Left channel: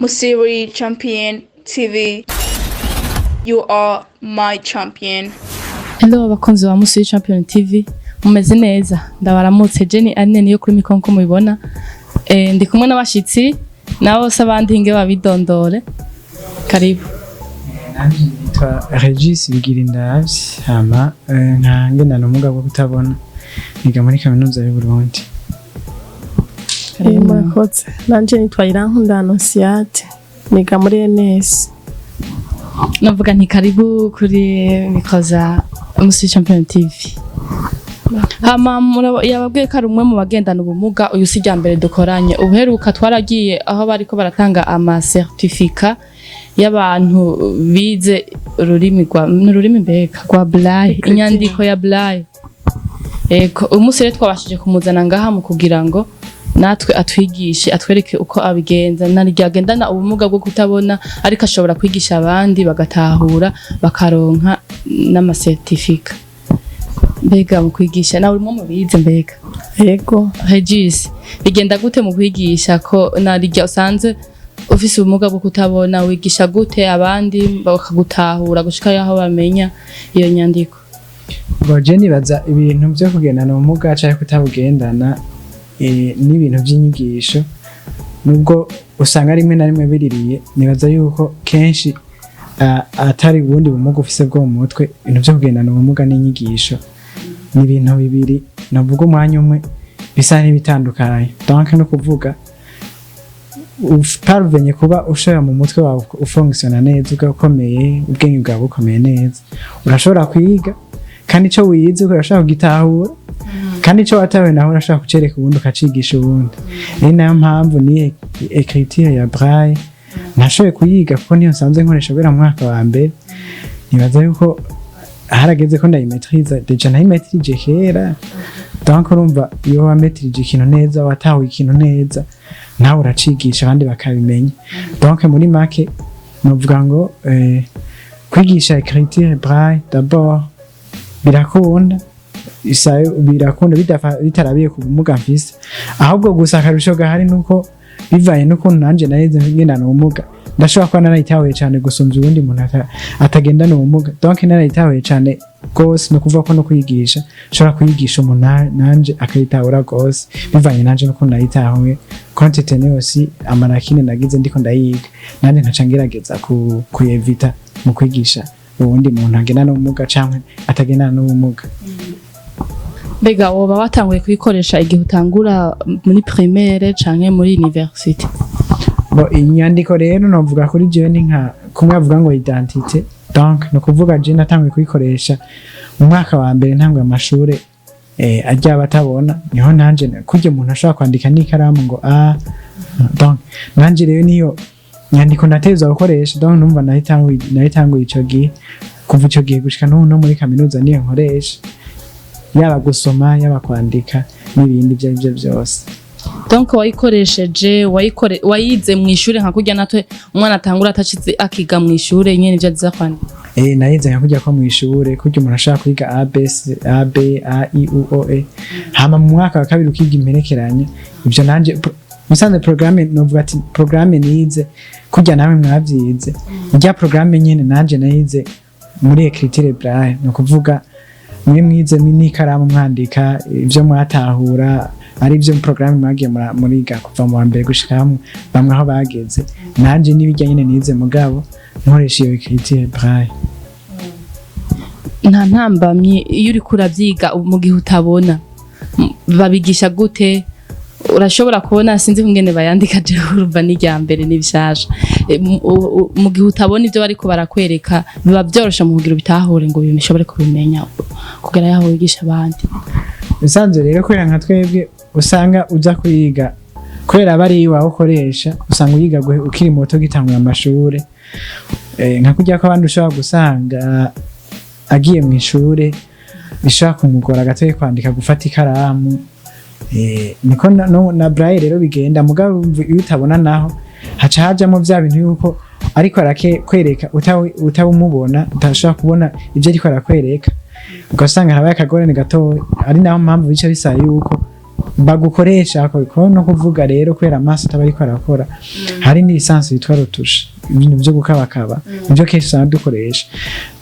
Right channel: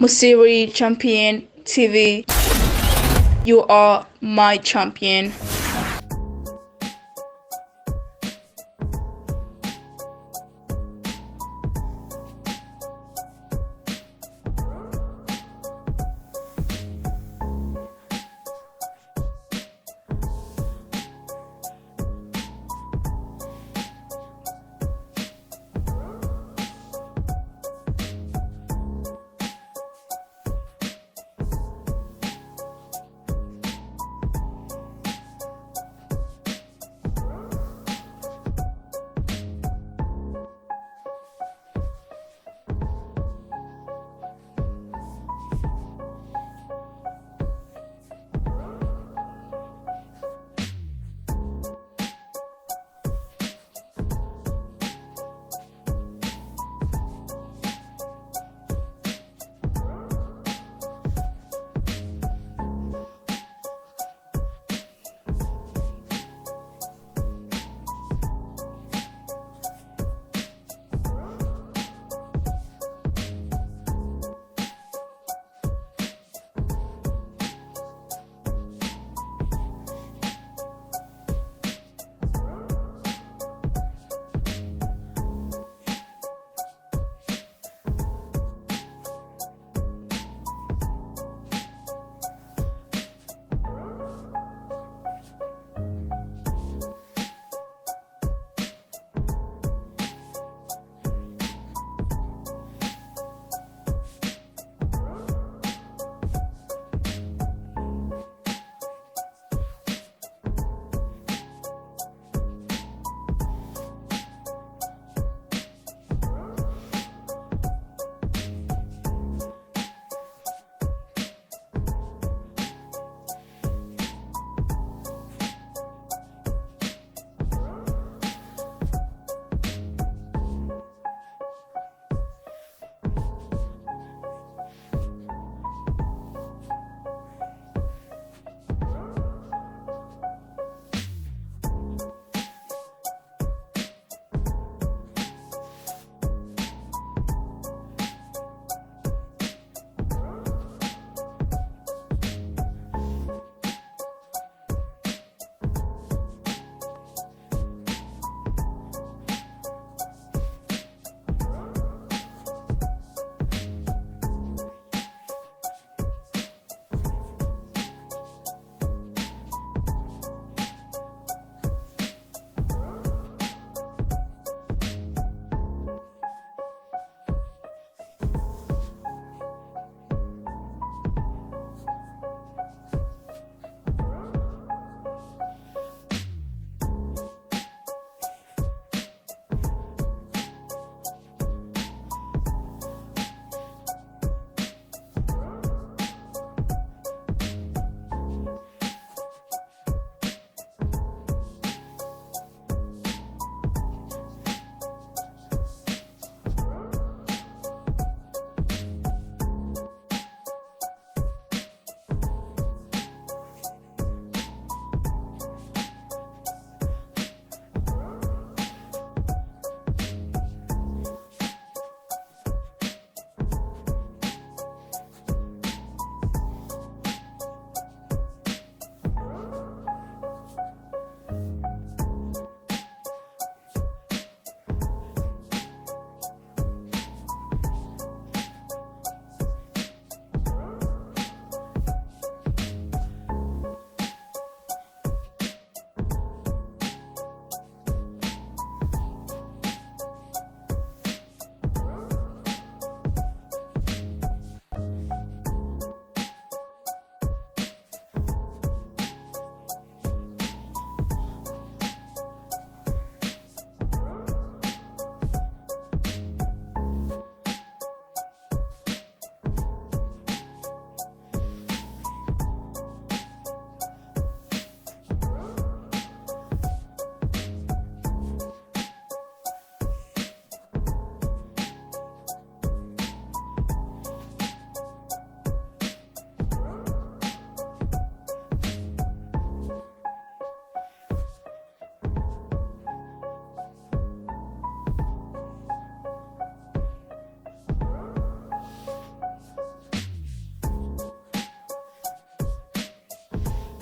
Musiri Champion TV. You are my champion. Hello abakunzi ba Musiri Champion TV. Mumeze neza. Ndabaramutse Jenny Anene yo kuri mikonko mubibona. Ndi kumwe n'abashitsi nabo sabandi hinge babidondore. Karibu. Nitwa Regis Bigirindavyi hama nkange na ubumuga bwo kutabona. Niga muri kaminuza y'u Burundi. Murakoze. Nanje nitwa Irankunda Anosiate. Niga muri NS. Navuga nti karibu kuri mikoza Musiri Champion TV. Hama yababwiye ko ari umwe mu bagendana ubumuga uyu si mbere dukoranye ubuheruka twaragiye aho bariko baratanga ama certificat y'abantu bize ururimi mbega rwa Braille inyandiko ya Braille. Eko umunsi rero twabashije kumuzana ngaha mu kugira ngo natwe atwigishe atwereke uko abigenza narigendana ubumuga bwo kutabona ariko ashobora kwigisha abandi bagatahura bakaronka n'ama certificat. Mbega mu kwigisha nawe urimo mubize mbega Yego Regis bigenda gute mu kwigisha ko narijya usanze ufise ubumuga bwo kutabona wigisha gute abandi bakagutahura gushika yaho bamenya iyo nyandiko? Jenny baza ibintu byo kugendana ubumuga cyangwa kutabugendana n'ibintu by'inyigisho nubwo usanga rimwe na rimwe biririye nibaza yuko kenshi atari ubundi bumuga ufise bwo mu mutwe ibintu byo kugendana ubumuga n'inyigisho ni ibintu bibiri navuga umwanya umwe bisa n'ibitandukanye. Donc no kuvuga utarvenye kuba ushobora mu mutwe wawe ufunctiona neza ugakomeye ubwenge bwawe bukomeye neza urashobora kwiga kandi ico wize urashobora kugitahura kandi ico watawe naho urashobora kucereka ubundi ukacigisha ubundi. Ni nayo mpamvu ni écriture ya Braille nashoboye kuyiga kuko niyo nsanzwe nkoresha bera mu mwaka wa mbere. Nibaza yuko harageze ko ndayimetriza deja nayimetrije kera. Donc urumva iyo wametrije ikintu neza watahuye ikintu neza nawe uracigisha abandi bakabimenya. Donc muri make novuga ngo kwigisha écriture Braille d'abord birakunda bitarabiye ku bumuga mfise ahubwo gusa akarusho gahari nuko bivaye nuko nanje narize ngendana ubumuga ndashobora kuba narayitahuye cyane gusumvya ubundi muntu atagendana ubumuga. Donc narayitahuye cyane gose no kuvuga ko no kuyigisha nshobora kuyigisha umuntu nanje akayitahura gose bivanye nanje nuko nayitahuye quantité aussi amarakine nagize ndiko ndayiga nanje nkaca ngerageza kuyevita mu kwigisha ubundi muntu agendana ubumuga cyangwa atagendana n'ubumuga. Mbega woba watanguye kuyikoresha igihe utangura muri primaire canke muri université? Inyandiko rero novuga kuri jewe ni nka kumwe avuga ngo identité. Donc no kuvuga je natanguye kuyikoresha mu mwaka wa mbere ntangwe amashure ajya batabona niho nanje kujye umuntu ashobora kwandika n'ikaramu ngo donc nanje rero niyo nyandiko nateza gukoresha. Donc numva nahitanguye ico gihe kuva ico gihe gushika no muri kaminuza niyo nkoresha yaba gusoma yaba kwandika n'ibindi byo byose. Donc wayikoresheje wayize mu ishure nka kujya natwe umwana atangura atacize akiga mu ishure nyene ivyo aziza kwandika? Nayize nka kujya ko mu ishure kujya umuntu ashaka kwiga a b a i u o e hama mu mwaka wa kabiri ukiga imperekeranya ivyo nanje musanze programme novuga ati programme nize kujya nawe mwavyize ijya programme nyene nanje nayize muri écriture Braille no kuvuga mwize n'ikaramu mwandika ivyo mwatahura ari byo programme mwagiye muriga kuva mu mbere gushika bamwe aho bageze nanje nibijya nyene nize mugabo nkoresha iyo écriture Braille. Nta ntambamye iyo uri kuravyiga mu gihe utabona babigisha gute? Urashobora kubona sinzi kungene bayandika je urumva n'ijyambere n'ibishasha mu gihe utabona ivyo bariko barakwereka biba byorosha mu kugira bitahure ngo bimishobore kubimenya kugera yaho wigisha abandi. Bisanzwe rero kwera nka twebwe usanga uza kuyiga kwera bari iwawe ukoresha usanga uyiga ukiri muto gitangura amashure nka kujya ko abandi ushobora gusanga agiye mu ishure bishaka kumugora gatoye kwandika gufata ikaramu niko na Braille rero bigenda mugabo iyo utabona naho haca hajamo vya bintu yuko ariko arakwereka utabumubona utashobora kubona ivyo ariko arakwereka ugasanga habaye akagorane gato ari naho mpamvu bica bisaba yuko bagukoresha ko no kuvuga rero kwera amaso atabariko arakora hari ni lisansi yitwa rotusha ibintu byo gukabakaba ibyo kenshi usanga dukoresha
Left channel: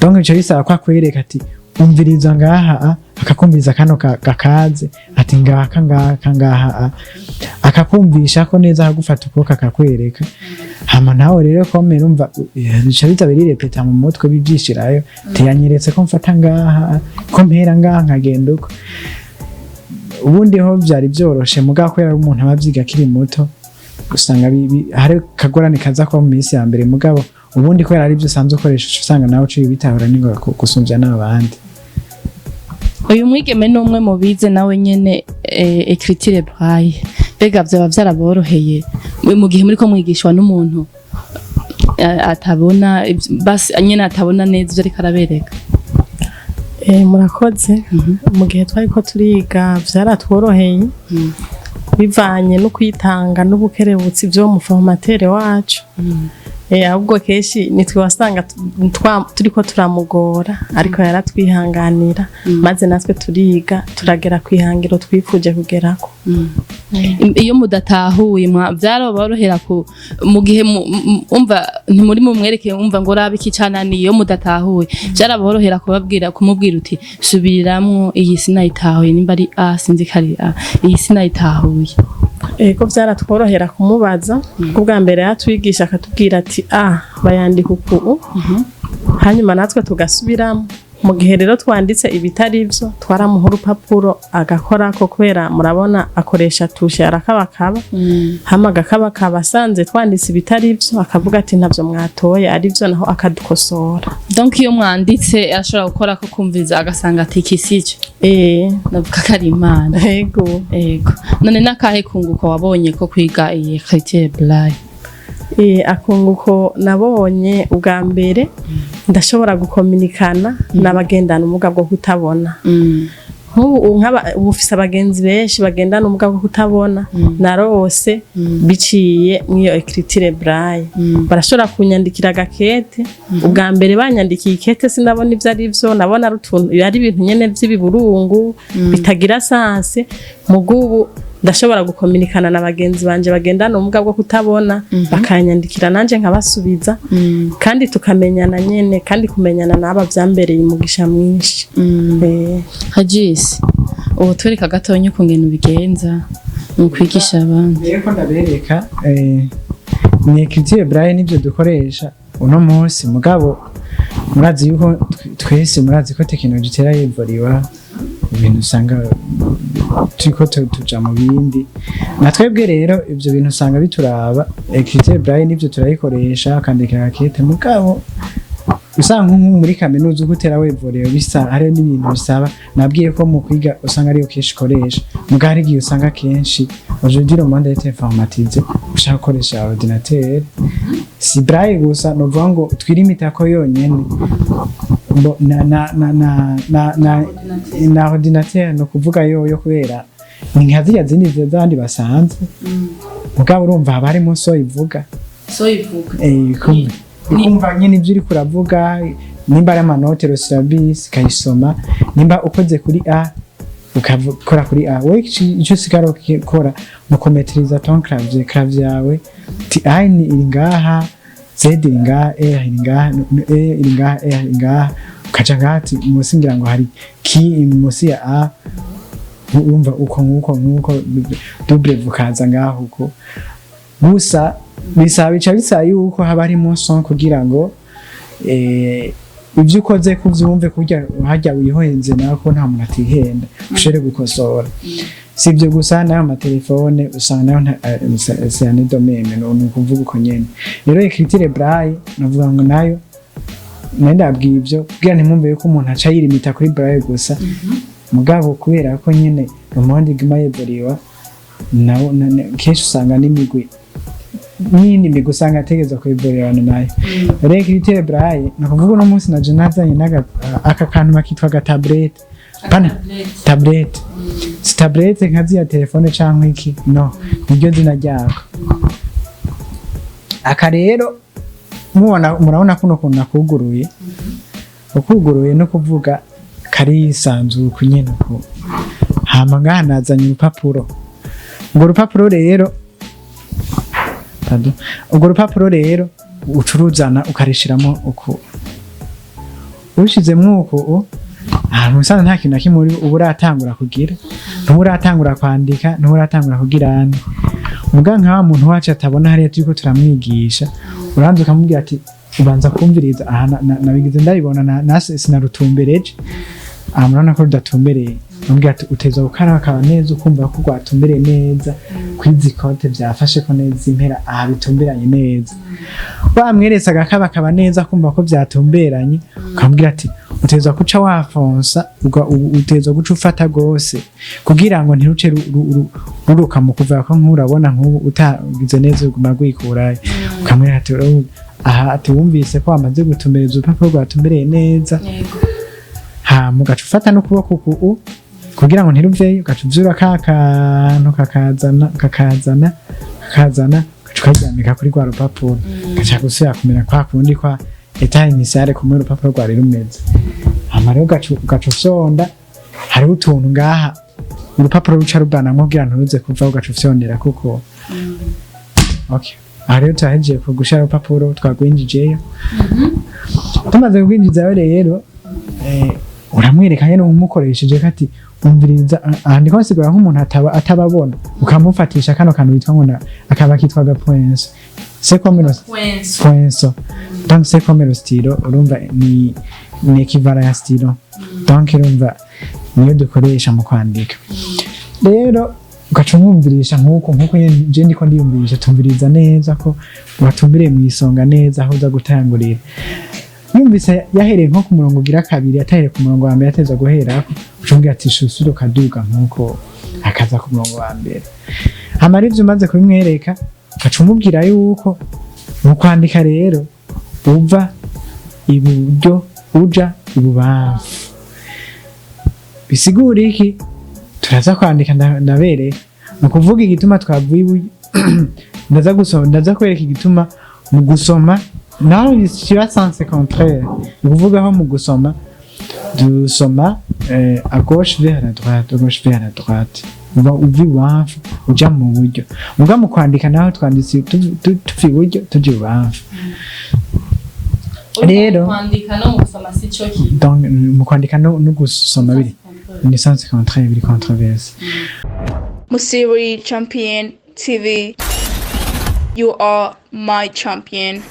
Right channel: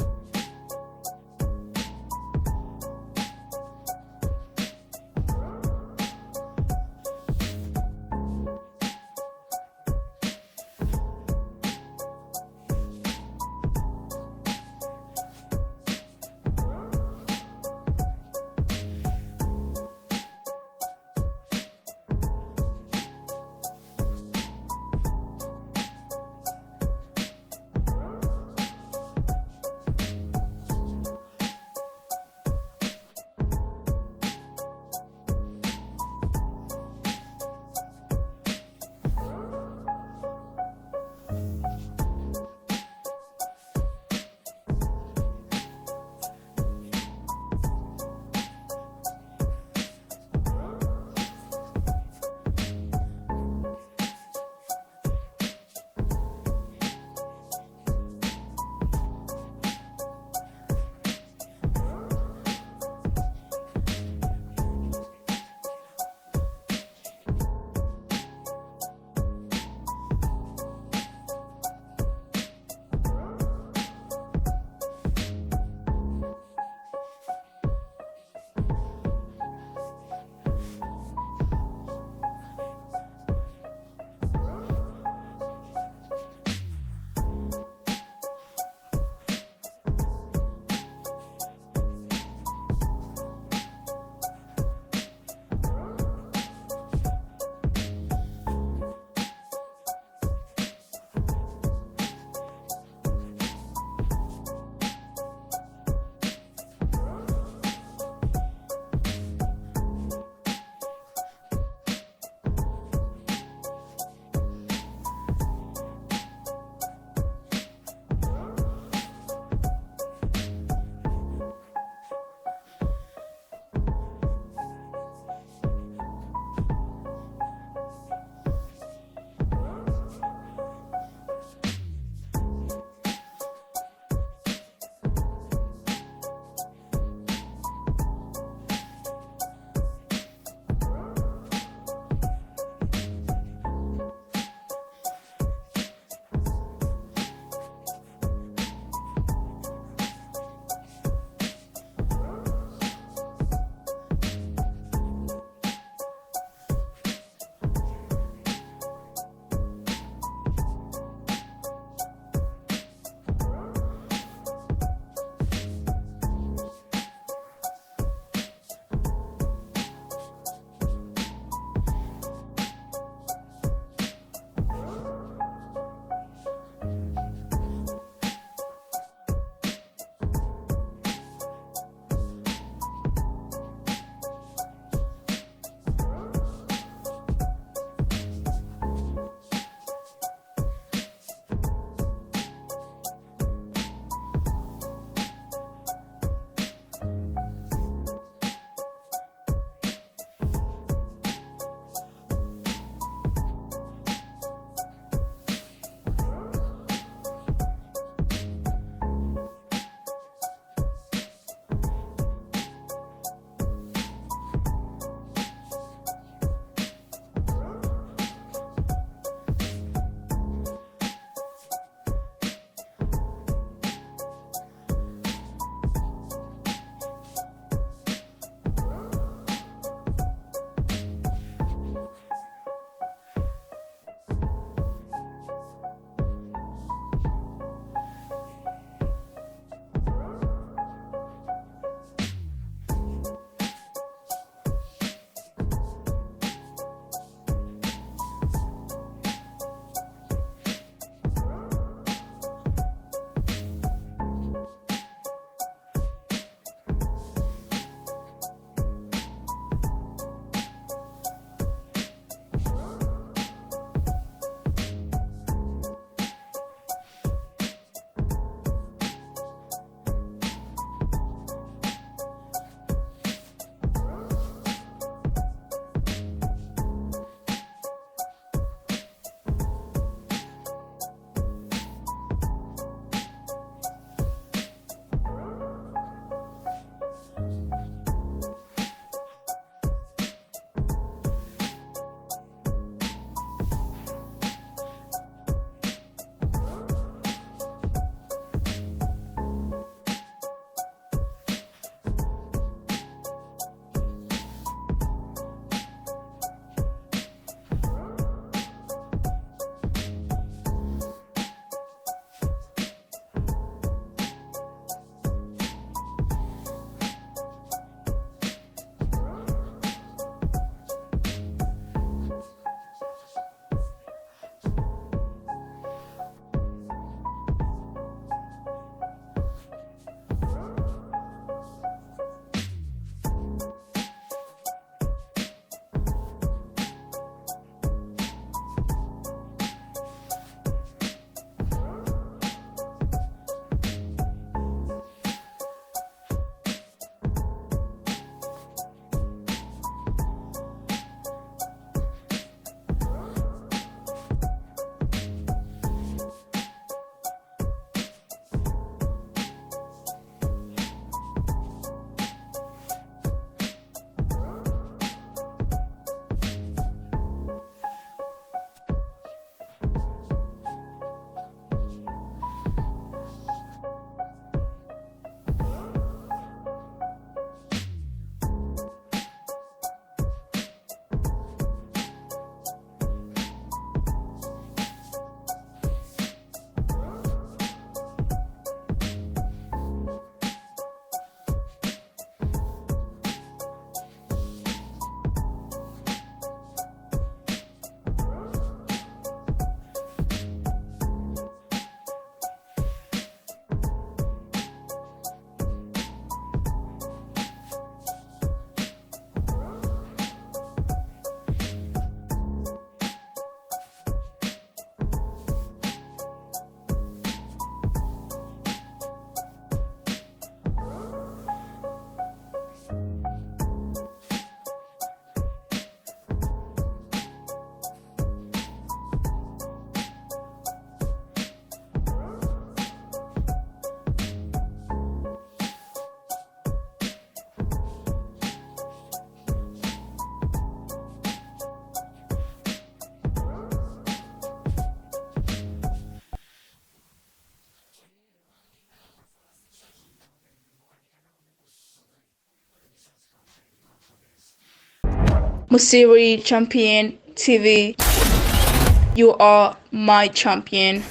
donc ico bisaba ko akwereka ati umviriza ngaha akakumviriza kano gakaze ati ngaha akakumvisha ko neza akagufata ukuboko akakwereka hama nawe rero komera umva bica bitabiri repeta mu mutwe bibyishirayo tiyanyeretse ko mfata ngaha ko mpera ngaha nkagenda uko ubundi ho byari byoroshe mugabo ko umuntu abavyiga kiri muto usanga hari kagorane kaza ko mu minsi ya mbere mugabo ubundi ko ari byo usanzwe ukoresha usanga nawe uciye bitahura ningo gusumvya n'abandi. Uyu mwigeme n'umwe mu bize nawe nyene écriture braille bega vyaba vyaraboroheye mu gihe muri ko mwigishwa n'umuntu atabona basi nyene atabona neza ivyo ariko arabereka. Murakoze mu gihe twari ko turiga vyaratworoheye bivanye no kwitanga n'ubukerebutsi byo mu formatere wacu ahubwo keshi nitwe wasanga turiko turamugora ariko yaratwihanganira maze natwe turiga turagera kwihangiro twifuje kugerako. Iyo mudatahuye vyaraborohera mu gihe umva ntimuri mu mwereke umva ngo rabe iki canani iyo mudatahuye vyaraborohera kumubwira uti subiriramwo iyi sinayitahuye nimba ari sinzi kari iyi sinayitahuye. Ego vyaratworohera kumubaza ubwa mbere yatwigisha akatubwira ati bayandika uku hanyuma natwe tugasubiramo mu gihe rero twanditse ibitari byo twaramuha urupapuro agakora ko kubera murabona akoresha tushe arakabakaba hama agakabakaba asanze twanditse ibitari byo akavuga ati ntabyo mwatoye ari byo naho akadukosora. Donc iyo mwanditse ashobora gukora ko kumviza agasanga ati kisije navuga kari imana. Ego none nakahe kunguko wabonye ko kwiga iyi écriture braille? Akunguko nabonye ubwa mbere ndashobora gukominikana n'abagendana ubumuga bwo kutabona. Nk'ubu ufise abagenzi benshi bagendana ubumuga bwo kutabona narose biciye mwiyo écriture braille barashobora kunyandikira gakete ubwa mbere banyandikiye ikete sinabona ivyo ari byo nabona ari ibintu nyene by'ibiburungu bitagira sanse mugubu ndashobora gukominikana na bagenzi banje bagendana ubumuga bwo kutabona bakanyandikira nanje nkabasubiza kandi tukamenyana nyene kandi kumenyana naba vyambereye umugisha mwinshi. Hajisi ubu twereka gatonye kungena ubigenza mu kwigisha abantu. Rero ndabereka ni écriture braille nibyo dukoresha uno munsi mugabo murazi yuko twese murazi ko technology tera yivuriwa ibintu usanga turiko tuja mu bindi natwebwe rero ivyo bintu usanga bituraba écriture braille nibyo turayikoresha kandikira akete mugabo usanga muri kaminuza gutera wevuriro bisa hari n'ibintu bisaba nabwiye ko mu kwiga usanga ari kenshi koresha mugari giye usanga kenshi aujourd'hui le monde est informatisé ushaka koresha ordinateur si braille gusa no vango twirimita ko yonyene na ordinateur no kuvuga yo kubera ninkaziya zindi zandi basanze mugabo urumva abarimo so ivuga kumbe kumva nyine ibyo uri kuravuga nimba ari amanote rosirabisi kayisoma nimba ukoze kuri a ukakora kuri a we icyo sigaro kora mukometriza ton clavier yawe ti a ni iri ngaha z iri ngaha e iri ngaha e iri ngaha e iri ngaha ukaca ngati musingira ngo hari ki musi ya a urumva uko double vukaza ngaho uko gusa bisaba yuko haba harimo son kugira ngo ibyo ukoze kuvyumve kurya hajya wihohenze nako nta muntu atihenda ushere gukosora sibyo gusa nayo amatelefone usanga nayo c'est domaine no kuvuga uko nyene rero écriture braille navuga ngo nayo ndabwiye ibyo kugira ntimwumve yuko umuntu aca yirimita kuri braille gusa mugabo kubera ko nyene mu monde gmayeburiwa nawo kenshi usanga n'imigwi nini migusanga tegeza kwiborerana nayo rero écriture braille nakuvuga no munsi na nazanye aka kantu makitwa ga tablette pana tablette si tablette nkazi ya telefone canke iki no niryo zina ryako aka rero murabona kuno kuntu nakuguruye ukuguruye no kuvuga kari sanzu kunyene ko hama ngaha nazanye urupapuro urwo rupapuro rero ucuruzana ukarishiramo uku ushizemwo uku musanze nta kintu na kimwe uba uratangura kugira nturatangura kwandika nturatangura kugira muganga wa muntu wacu atabona hariya turiko turamwigisha uranze ukamubwira ati ubanza kumviriza aha nabigize ndabibona nase sinarutumbereje murabona ko rudatumbereye umbwira ati uteza gukara akaba neza ukumva ko rwatumbereye neza kwizi konte byafashe ko neza impera aha bitumberanye neza bamweretse agakaba akaba neza kumva ko byatumberanye ukamubwira ati uteza guca wafonsa uteza guca ufata gose kugira ngo ntiruce ruruka mu kuva ko nkurabona nk'ubu utagize neza uguma gwikurayo ukamwera ati aha ati wumvise ko wamaze gutumbereza urupapuro rwatumbereye neza mugaca ufata n'ukuboko kugira ngo ntiruveyo ugaca uvyura kakantu kakazana ukaryamika kuri rwa rupapuro gaca gusubira kumera kwa kundi kwa etat initiale kumwe urupapuro rwari rumeze hama rero ugaca usonda hariho utuntu ngaha urupapuro ruca rubanamwo kugira nturuze kuva ugaca ufyondera kuko okay aha rero turahejeje gushira urupapuro twagwinjijeyo tumaze kugwinjizayo rero uramwereka nyene umukoresheje kati umviriza ndiko nsigura nk'umuntu atababona ukamufatisha kano kantu witwa ngo akaba kitwaga poinso c'est comme le poinso donc c'est comme le stylo urumva ni equivalent ya stylo donc urumva niyo dukoresha mu kwandika rero ugacumumvirisha nk'uko je ndiko ndiyumvirisha tumviriza neza ko watumbiriye mu isonga neza aho uza gutangurira yumvise yahereye nko ku murongo ugira kabiri atahere ku murongo wa mbere ateza guherako ucungira ati shusuro kaduga nk'uko akaza ku murongo wa mbere hama rivyo umaze kubimwereka ugaca umubwira yuko mu kwandika rero uva iburyo uja ibubamfu bisigura iki turaza kwandika ndabereka mu kuvuga igituma twavuye iburyo ndaza kwereka igituma mu gusoma naho kiba sanse contraire ni kuvugaho mu gusoma dusoma à gauche vers la droite uva uva ibubamfu uja mu buryo muga mu kwandika naho twanditse tuva iburyo tuja ibubamfu rero mu kwandika no gusoma biri ni sanse contraire biri controverse Musiri Champion TV, you are my champion.